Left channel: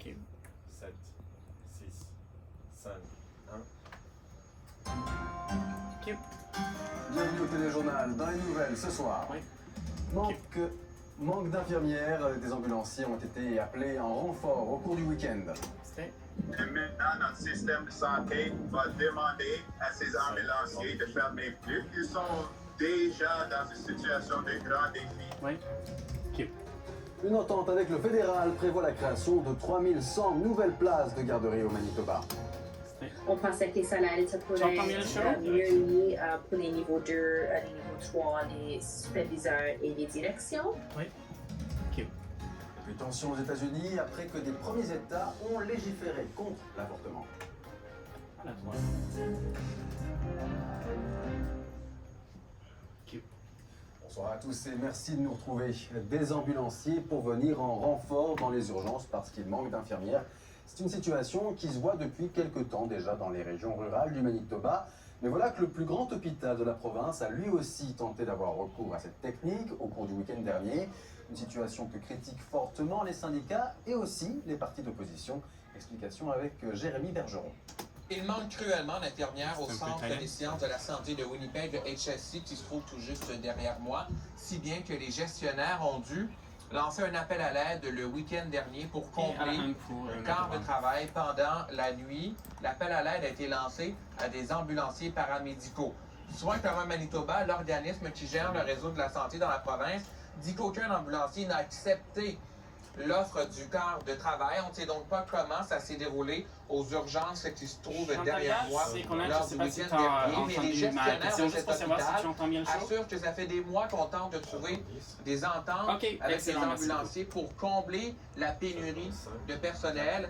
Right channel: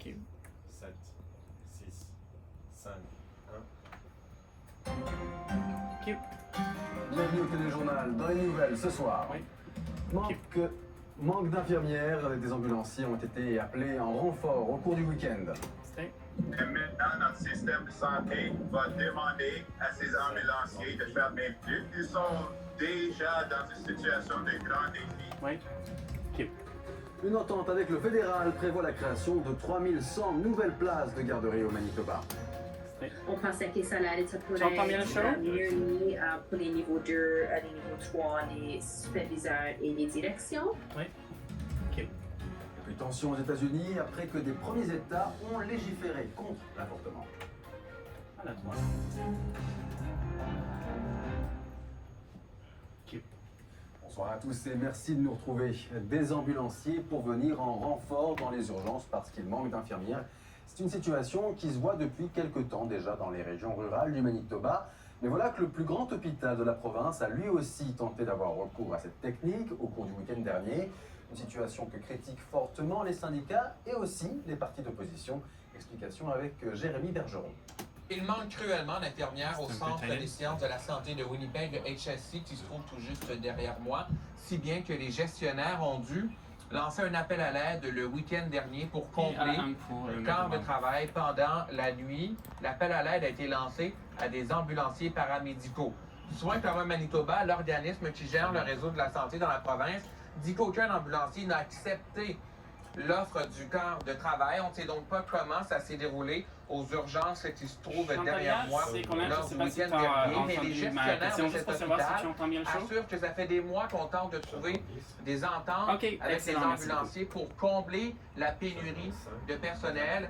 OK. 7, 6, 5, 1. OK. Bienvenue au téléjournal. Dans les nouvelles ce soir, Oui. manque d'infirmières. Des ambulanciers ont été appelés en renfort au cours du week-end. C'était. Et maintenant, notre système de santé va demander à ces ambulanciers de fermer plus. Ils sont déjà dans une situation de grand défi. Oui. OK. Une entente avec le fédéral prévoit la création de 3100 nouvelles places de garderie au Manitoba. C'était. On pensait que ça allait être pour Tu entends bien le show? mieux mis pour les niveaux 2, les niveaux 3, les superviseurs et les directions. Oui. OK. Et puis tension aux États-Unis après que des premiers États ont légiféré contre l'avortement. Ah, là, toi. OK. Bonsoir à tous et merci de nous retrouver. Des ambulanciers pour venir en renfort dans les urgences parce qu'il manque d'infirmières. C'est une situation qui se voit depuis quelque temps déjà dans les régions rurales du Manitoba. Mais voilà que le plus grand hôpital de la province a lui aussi tenté d'avoir recours à cette technique au cours du week-end dernier. Une situation que critiquent fortement les syndicats et aussi les partis d'opposition. Explication avec Jérémy Bergeron. Il manque cruellement d'infirmières au C'est un peu Centre tannant. des sciences de la santé de Winnipeg, le HSC, qui se trouve tout juste derrière moi, si bien que les gestionnaires ont dû lancer un appel à l'aide le week-end dernier pour combler le quart de travail pendant la nuit. L'appel à l'aide a été lancé à des ambulanciers paramédicaux. Soins communs Manitoba, l'organisme qui gère le réseau de la santé dans la province, dit qu'aucun ambulancier n'a accepté l'offre du quart de travail. On ne sait donc pas comment ça s'est déroulé aux urgences qui se trouvent derrière moi lors du week-end dernier. Mais les gestionnaires de cet hôpital assurent que ça fait des mois qu'on tente de trouver des ententes avec les ambulanciers pour combler la pénurie de personnel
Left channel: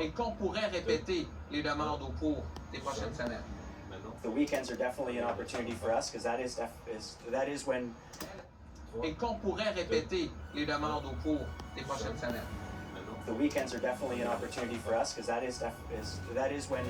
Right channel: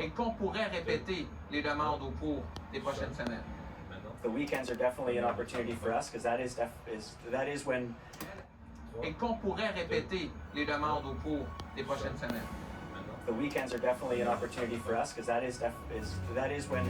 et qu'on pourrait répéter les demandes au cours des prochaines semaines. The weekends are definitely an opportunity for us because that is when Et qu'on pourrait répéter les demandes au cours des prochaines semaines. the weekends are definitely an opportunity for us because that is when